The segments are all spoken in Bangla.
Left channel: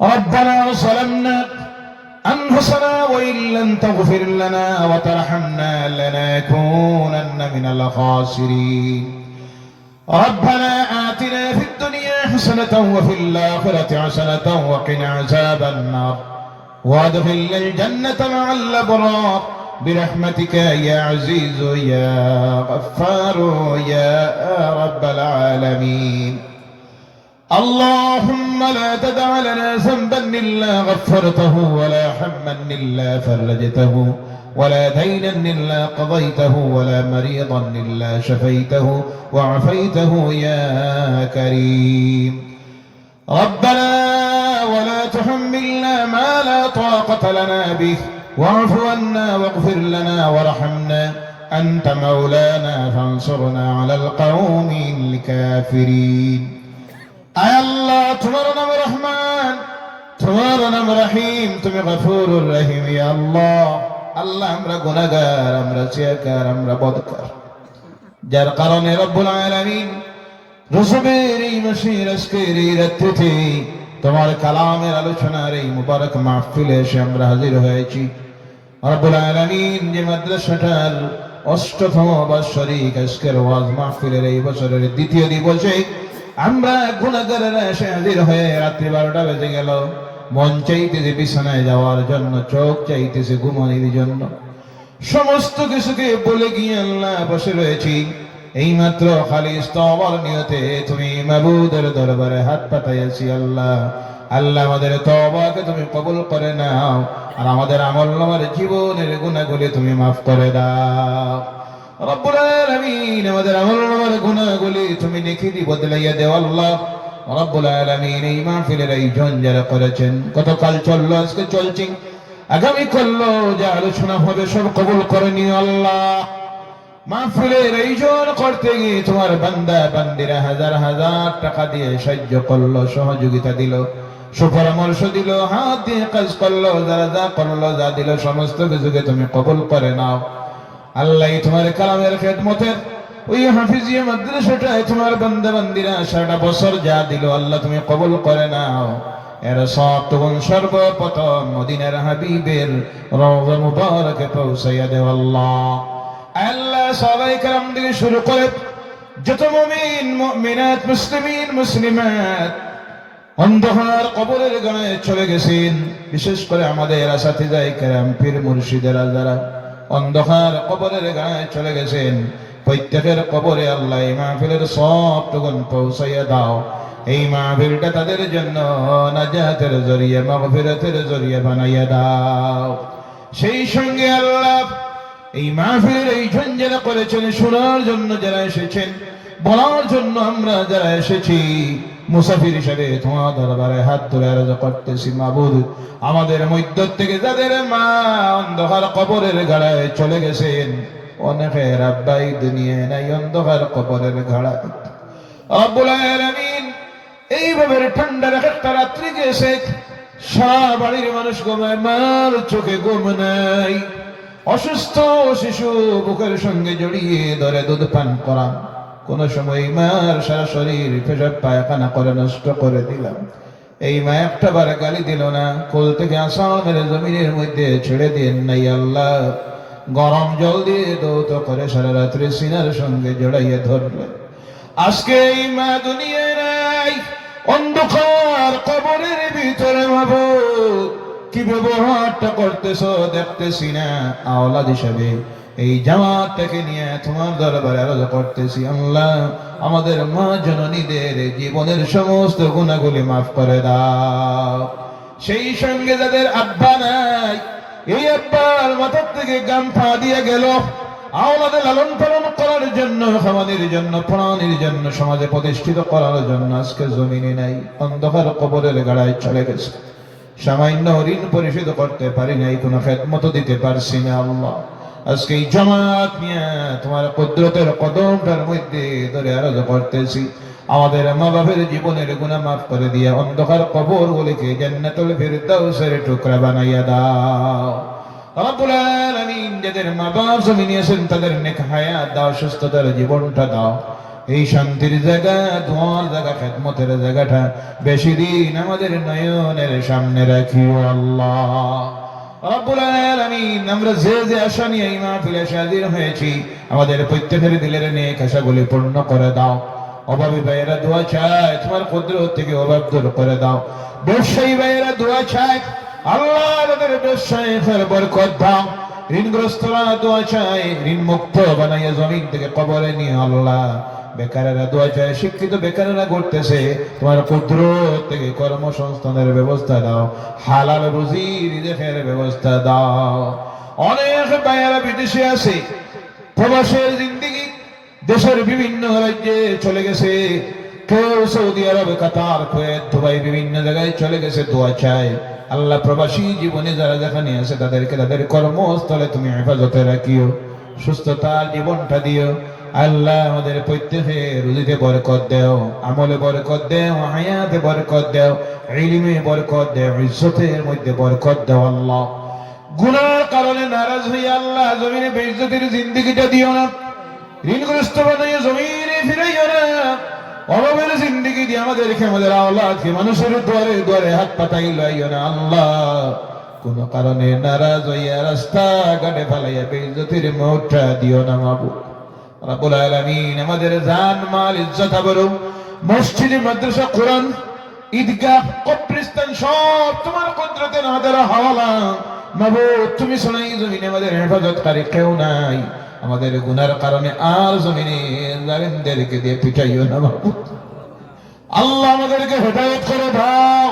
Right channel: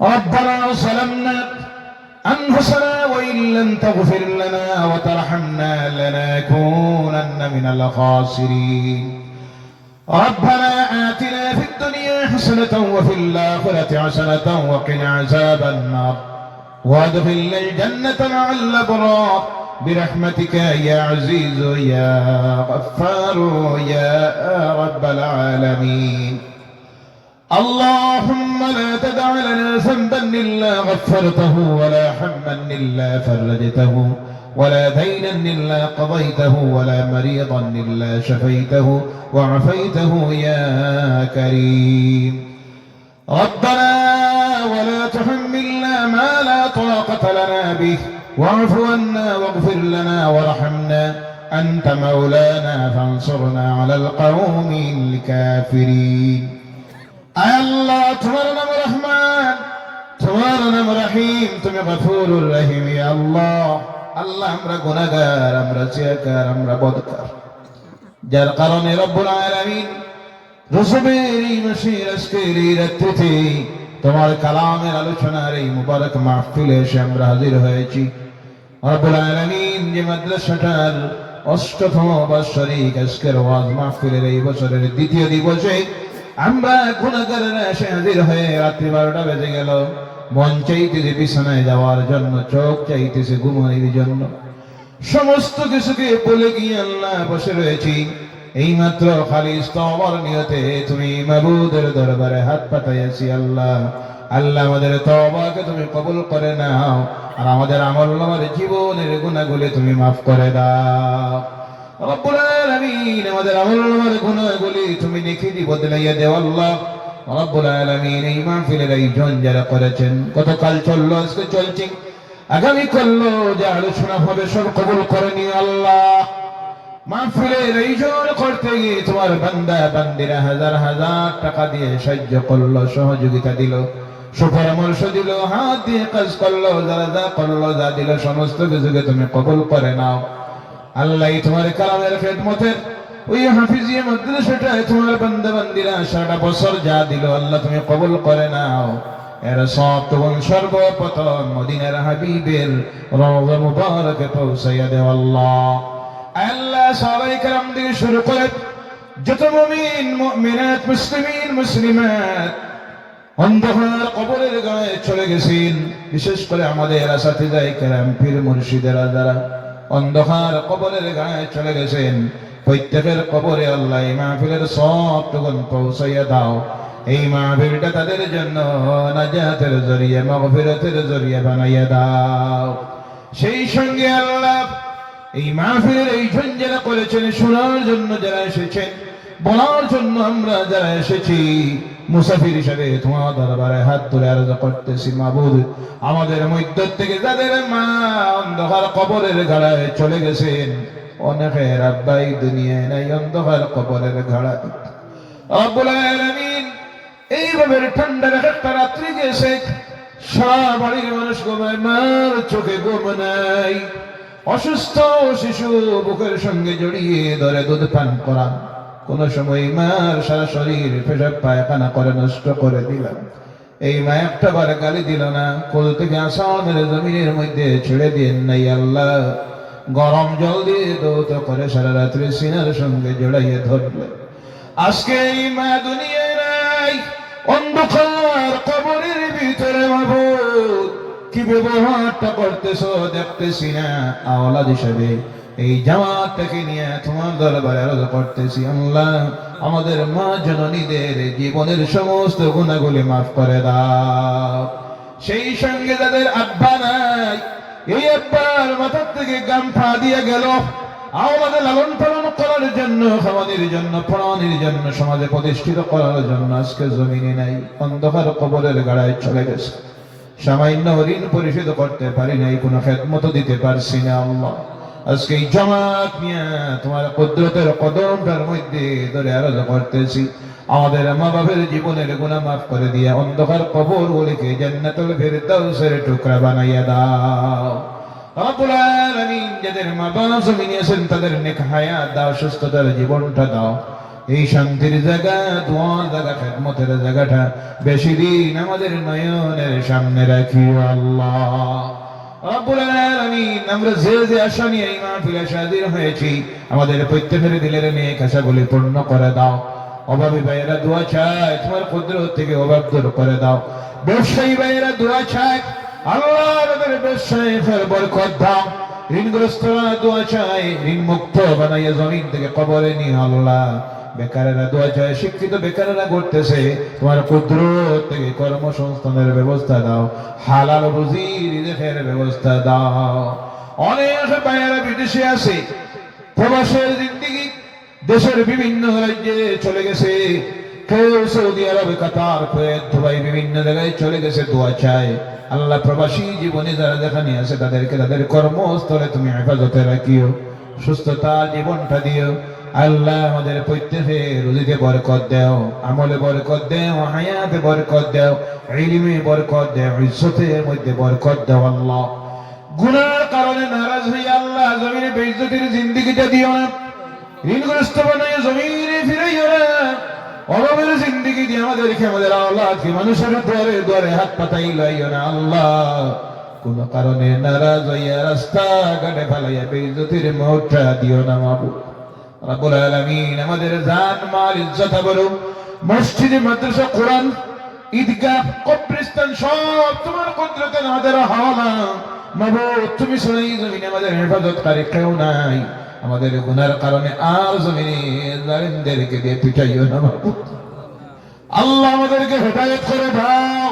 ربنا ظلمنا أنفسنا وإن لم تغفر لنا وترحمنا لنكونن من الخاسرين ربنا آتنا في الدنيا حسنة وفي الآخرة حسنة وقنا عذاب النار وادخلنا الجنة مع الأبرار برحمتك يا عزيز يا غفار يا رب العالمين اللهم لا تدع لنا ذنبا إلا غفرته ولا هما إلا فرجته ولا دينا إلا قضيته ولا مريضا إلا شفيته وعفيته يا كريم ربنا ولا تحملنا ما لا طاقة لنا به واعف عنا واغفر لنا وارحمنا أنت مولانا فانصرنا على القوم الكافرين আল্লাহ তোমার নাম রহমান, তোমার নাম রহিম, তুমি গফুরুর রহিম। ইয়া আল্লাহ, আল্লাহ আমরা গুনাহগার, আমরা সিয়াকার, আমরা বদকার, যার কারণে রব্বুল আলামিন রসুলের এই মাসের আজকের এই রাত্রিতে তোমার কালামের আলোচনার এই মুবারক মাহফিলে এসে আমরা হাজির হয়েছি। রব্বুল আলামিন যে মাদ্রাসাটার ৮ম বার্ষিক আজকের ওয়াজ মাহফিলের এই বছরের দ্বিতীয় দিবসে আমরা গুনাহগারেরা এসে হাজির হয়ে রাত্রি ১২টা বেজে গেল। মন চাইতেছে বিছানায় যাওয়ার জন্য, চোখ চাইতেছে ঘুমানোর জন্য, সমস্ত কিছুকে বলে গিয়ে আল্লাহ বসে রয়েছি। এইমাত্র খালিস তওবার নিয়তে তুমি মাবুদের দরবারে হাত পাতাইছি। আল্লাহ আল্লাহ আমাদের তওবাকে তুমি কবুল করে নাও, আর আমাদের আমলনামার জীবনের গুনাহগুলি তুমি মাফ করে দাও। রব্বুল আলামিন আমাদের আমলনামার গুনাহগুলি তুমি নেকি দিয়ে বদলাইয়া দাও। আল্লাহ রব্বুল আলামিন এই মাহফিলের আয়োজন যারা করেছেন, গতকাল চললো, আজকে চলছে, আগামী করলো, যা আলোচনা হবে সব কবুল করে নিও। আল্লাহ মাহফিলের আয়োজন করতে গিয়ে তোমার বান্দা বান্দিরা হাজার হাজার টাকা দিয়ে সাহায্য করলো, সহযোগিতা দিল, সুপরামর্শ দিল, হাত দিয়ে কাজ করলো, যারা যা করলো, যা দিল, সমস্ত কিছুকে তুমি কবুল করে নাও। আল্লাহ তোমার কালামের খেদমতের ওই হাফিজিয়া মাদ্রাসাটায় তোমার বান্দা বান্দিরা সারা বছর যা দিল, আল্লাহ তুমি কবুল করে নাও। এরা সব তখন সর্বপ্রথম মদিনার হাবিবের রওজা মুবারকে পৌঁছাইয়া দেও। আল্লাহ আল্লাহ সাহাবায়ে কেরাম থেকে শুরু করে যত মুমিন মুমিনাত, মুসলিমিন মুসলিমাত অন্ধকার কবরের গায়ে চলে গেছেন, বিশেষ করে আমাদের আসাতিজায়ে কেরাম, পীর মুর্শিদেরা যারা অন্ধকার কবরের গায়ে চলে গেছেন, প্রত্যেকের কবরে আল্লাহ এই মাহফিলের সবটুকু পৌঁছাইয়া দাও। এই মাহফিলটা তাদের জন্য নাজাতের জরিয়া, মাগফিরাতের জরিয়া বানাইয়া দাও। সেই সঙ্গে আল্লাহ এই মাহফিলের এই যারা করেছেন, শোনার জন্য যারা এসেছেন, বলার জন্য আমরা যারা এসেছি, মুসাফির হিসেবে তোমার দরবারে হাত তুলে আরজ করতেছি, মাবুদ আমাদের মধ্য থেকে যাদের মা অন্ধকার কবরের গাড়ায় চলে গেছেন, অনেকের আব্বাই দুনিয়ায় নাই, অন্ধকার কবরের গাড়ায়, রব্বুল আলামিন এইভাবে ঠান্ডা একটা রাত্রি গেছে, সারা বাড়ির মানুষ ঘুমায়, মার চোখে ঘুম নাই, অসুস্থ শিশু বুকের সঙ্গে জড়িয়ে ধরে দুধ পান করা, কোন সময় মার সারা শরীর পেশাব পায়খানা করে নষ্ট করে দিলাম। এই মা একটা বার গালি দিল না, কোল থেকে আসাম মেরে জমিনের মধ্যে ছেড়ে দিন নাই। আল্লাহ গরম জল দিয়ে দৌত করে সারা রাত্রি সিনার সঙ্গে জড়াইয়ে ধরলেন। আজকে এই মা দুনিয়ায় নাই, অন্ধকার কবরের ভিতরে মাবুদ কি ব্যবহারটা করতেছ দেখতেছি না। আওলাদ হিসেবে এই জামাতটাকে নিয়ে তোমার দরবারে আরজ করতেছি, আল্লাহ আমাদের মা জননীদের জীবনের সমস্ত গুনাহগুলি মাফ করে দাও। সেই সঙ্গে যাদের আব্বা নাই, এই আব্বার মাথার থেকে গামছা দিয়ে গেল, আমাদের লালন পালন করার জন্য, খাওয়ানোর জন্য, পড়ানোর জন্য, সমাজে প্রতিষ্ঠিত করার জন্য আজকে জমিনে নাই, অন্ধকার কবরের গাড়ায় চলে গেছে। সামান্য ঋণ পরিশোধ করতে পারি নাই, কোনো খেদমত দিতে পারছি না। আল্লাহ আজকে এই জামাত নিয়ে তোমার কুদরতের কদমটার মধ্যে ধরে আরাধনা করতেছি, আমাদের মা বাবার জীবনের গুনাহ মাফ করে দিয়া অন্ধকার কবরগুলিকে জান্নাতুল ফিরদাউসের টুকরা বানাইয়া দাও। রব্বুল আলামিন যাদের মা বাবা জমিনে আছেন তাদের নেক হায়াত দাও, সুস্থতার জীবনটা দাও। এই শান্তির জায়গা, দোয়ার জায়গা, খেদমতের জায়গাটা বেশি দিন আমাদের নয়নের সামনে রাখিও আল্লাহ রব্বুল আলামিন। আমরা যে আশা নিয়ে এই মাহফিলে হাজির হয়েছি, আমাদের প্রত্যেকের দিলের নেক আশাগুলি পূর্ণ করে দাও। অভাবী ভাইয়েরা দোয়া চায়, তোমার কুদরত থেকে অভাব দূর করে দাও। ব্যবসায়ী ভাইয়েরা দোয়া চায়, আল্লাহ আমাদের ব্যবসায় বরকত দাও। ঋণগ্রস্তরা দোয়া চায়, ঋণ মুক্ত বানাইয়া জমিন থেকে কবরে নিয়ে আল্লাহ। বেকারেরা দোয়া চায়, শিক্ষিত বেকারেরা করতেছে, তোমার কুদরত থেকে কর্মসংস্থানের ব্যবস্থা দাও, হালাল রুজি রিজেকের ব্যবস্থা দাও। অনেক ভাইয়েরা বিদেশে আছে, প্রবাসের জিন্দেগি, দেশের বিভিন্ন রাজ্যে চলে গেছে, কেউ সৌদি আরব, কাতার, কুয়েত, দুবাই, বিভিন্ন জায়গায় চলে গেছে, দোয়া চায়। আল্লাহ প্রবাসী জীবনে যারা যেখানে আছে তাদেরকে তাদের কর্মস্থলে তুমি হেফাজতে রাখিও, সুস্থতা জীবনটা দিও আল্লাহ। আমাদের প্রত্যেকে রুজিতে বরকত দাও, আমলে বরকত দাও, হায়াতে বরকত দাও, ইলমে বরকত দাও, ইজ্জতের মধ্যে বরকত দাও আল্লাহ। গুনার কারণে নারাজ হয়ে আল্লাহ জমিনে বেইজ্জতের জিন্দেগিটা দিও না, ঋণগ্রস্ত বানিয়ে জমিনে ফিরাইও না। অভাবের জিন্দেগি দিয়ে আমাদেরকে, আমাদের আওলাদকে মানুষের দ্বারে দ্বারে হাত পাতাই লইও না আল্লাহ। কোন কারণে নারাজ হইয়া রাস্তা ঘাটে ফেলাইয়া বেইজ্জতের মৌতটা দিও না মাবুদ রব্বুল আলামিন। আমাদের জান মাল ইজ্জত আবরু, মসজিদে, মাদ্রাসা, কোরআন, ঈদগাহ, কবরস্থান সব তোমার কুদরতে আমাদের হাওলা মাবুদ। তুমি শুনাই জমিনে আমাদের হেফাজতকারী কেউ নাই। আমাদের গুনার কারণে আর জমিনে জালিমদেরকে দিয়ে পিটাইও না মাবুদ আল্লাহ। আমাদেরকে হেদায়েত করে দাও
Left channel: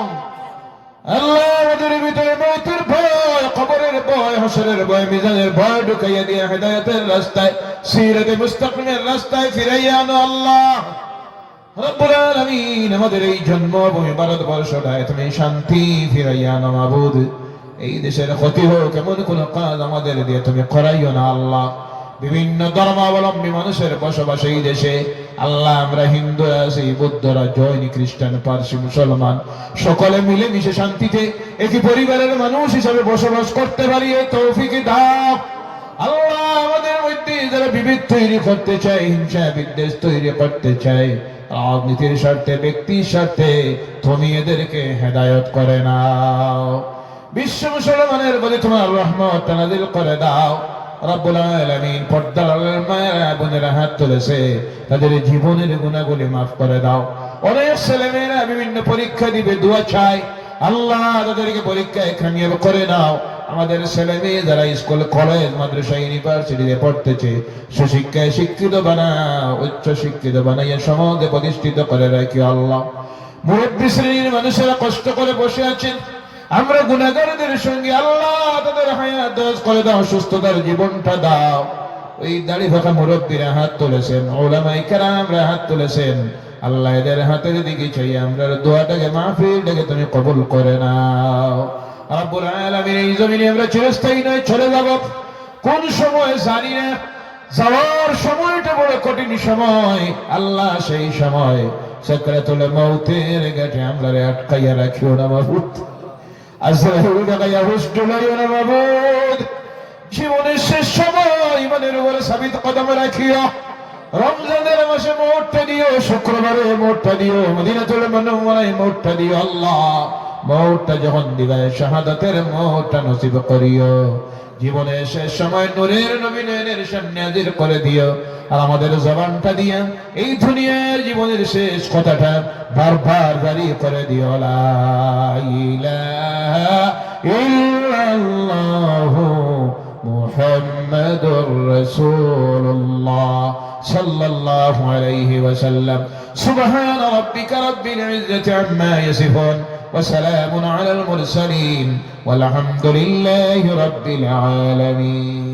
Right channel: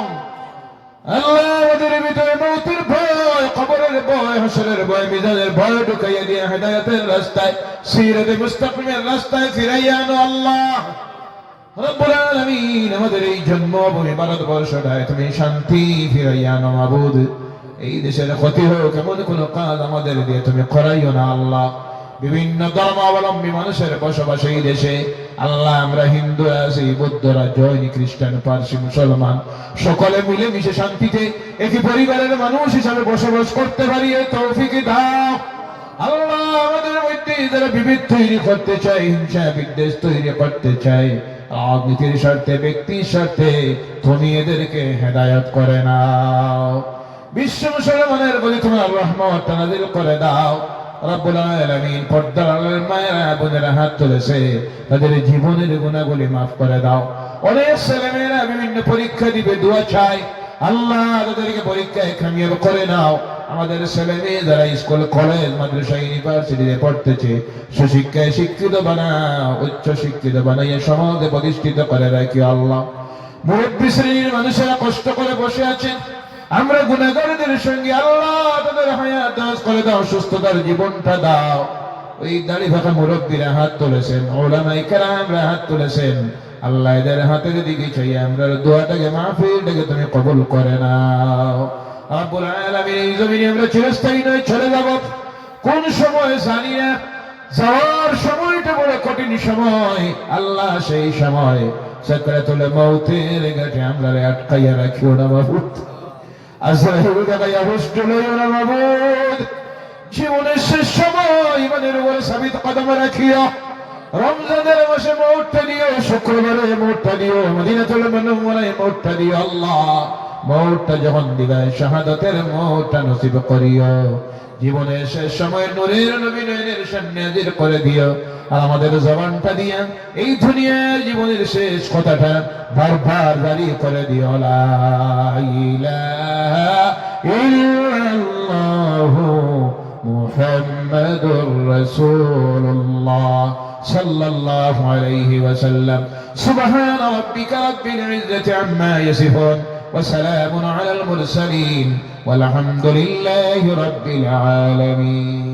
আল্লাহ। আমাদের ভিতরে মৌতের ভয়, কবরের ভয়, হাসরের ভয়, মিজানের ভয় ঢুকাইয়া দিয়ে হেদায়েতের রাস্তায়, সিরাতে মুস্তাকিমের রাস্তায় ফিরাইয়া আনো আল্লাহ রব্বুল আলামিন। আমাদের এই জন্মভূমি ভারতবর্ষটায় তুমি শান্তি ফিরাইয়া আনো মাবুদ। এই দেশের ক্ষতি হোক এমন কোন কাজ আমাদের দিয়ে তুমি করাইও না আল্লাহ। বিভিন্ন ধর্মাবলম্বী মানুষের বসবাস এই দেশে আল্লাহ। আমরা হিন্দু আছি, বৌদ্ধরা, জৈন, খ্রিস্টান, পার্সি, মুসলমান সকলে মিলে মিশে শান্তিতে একই পরিবারের মানুষ হিসাবে বসবাস করতে পারি এই তৌফিক দাও আল্লাহ। আমাদের মধ্যে যারা বিভেদ তৈরি করতে চায়, হিংসা বিদ্বেষ তৈরি করতে চায়, রাজনীতির স্বার্থে, ব্যক্তির স্বার্থে, তুমি এদেরকে হেদায়েত করে নাও। বিশ্ব মুসলমানের বলে তোমার রহমত নাযিল করে দাও রব্বুল আলামিন। পর্দার আড়ালের মায়েরা বোনেরা হাত তুলেছে, তাদের জীবনের গুনাহগুলি মাফ করে দাও। অনেক ছেলেমেয়েরা বিভিন্ন পরীক্ষা দিবে, দোয়া চাই আল্লাহ তাদেরকে পরীক্ষায় কামিয়াব করে দাও। আমাদের ছেলে মেয়ে যারা স্কুল, কলেজ, মাদ্রাসা, ইউনিভার্সিটিতে পড়তেছে, সুশিক্ষায় শিক্ষিত বানাও, উচ্চ শিক্ষিত বানাইয়া সমাজে প্রতিষ্ঠিত করে রাখি আল্লাহ। মুরব্বী শ্রেণীর মানুষেরা কষ্ট করে বসে আছেন, আমরা গুনাহগারদের সঙ্গে আল্লাহ তাদের হায়াত দারাজ করে দাও, সুস্থতার জীবনটা দাও। ওই দাড়ি ফাঁকা মুরব্বীরা হাত তুলেছেন, উলামায়ে কেরামরা হাত তুলেছেন আল্লাহ, এদের হাতের দিকে চাইয়ে আমরা দোয়াটাকে, মাহফিলটাকে তুমি কবুল করে নাও রব্বুল আলামিন। এই জমিনে আমরা চিরস্থায়ী নয়, চলে যাব কোন সময় জানি না। যাওয়ার সময়টা বড় কঠিন সময় আল্লাহ। সেই সময় সাকরাতুল মউতের ঘাটে আমরা আটকাইয়া রাখিও না মাবুদ। আজরাইল গায়া হুষ্ট লইও না মাবুদ। জীবনের শেষ সময় ইমানের উপর সাবিত কদম রাখিও। রমজানের মাসে মৌতটা দিও, শুক্রবারে মৌতটা দিও, মদিনাতুল মুনাওয়ারায় মৌতটা দিও আল্লাহ। মৌতটা যখন দিবে শাহাদাতের মৌতটা নসিব করিও। জীবনের শেষ সময় নূরের নবী নয়নের সামনে হাজির করে দিও। আর আমাদের জবানটা দিয়া এই দুনিয়ার জীবনের শেষ কথাটা বারবার জারি করে দিও, লা ইলাহা ইল্লাল্লাহু মুহাম্মাদুর রাসূলুল্লাহ সাল্লাল্লাহু আলাইহি ওয়াসাল্লাম। সুবহানা রাব্বিকা রাব্বিল ইজ্জাতি আম্মা ইয়াসিফুন ওয়া সালামুন আলাল মুরসালিন ওয়ালহামদুলিল্লাহি রাব্বিল আলামিন।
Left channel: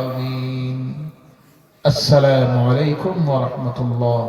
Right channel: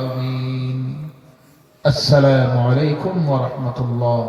আমিন। আসসালামু আলাইকুম ওয়া রাহমাতুল্লাহ।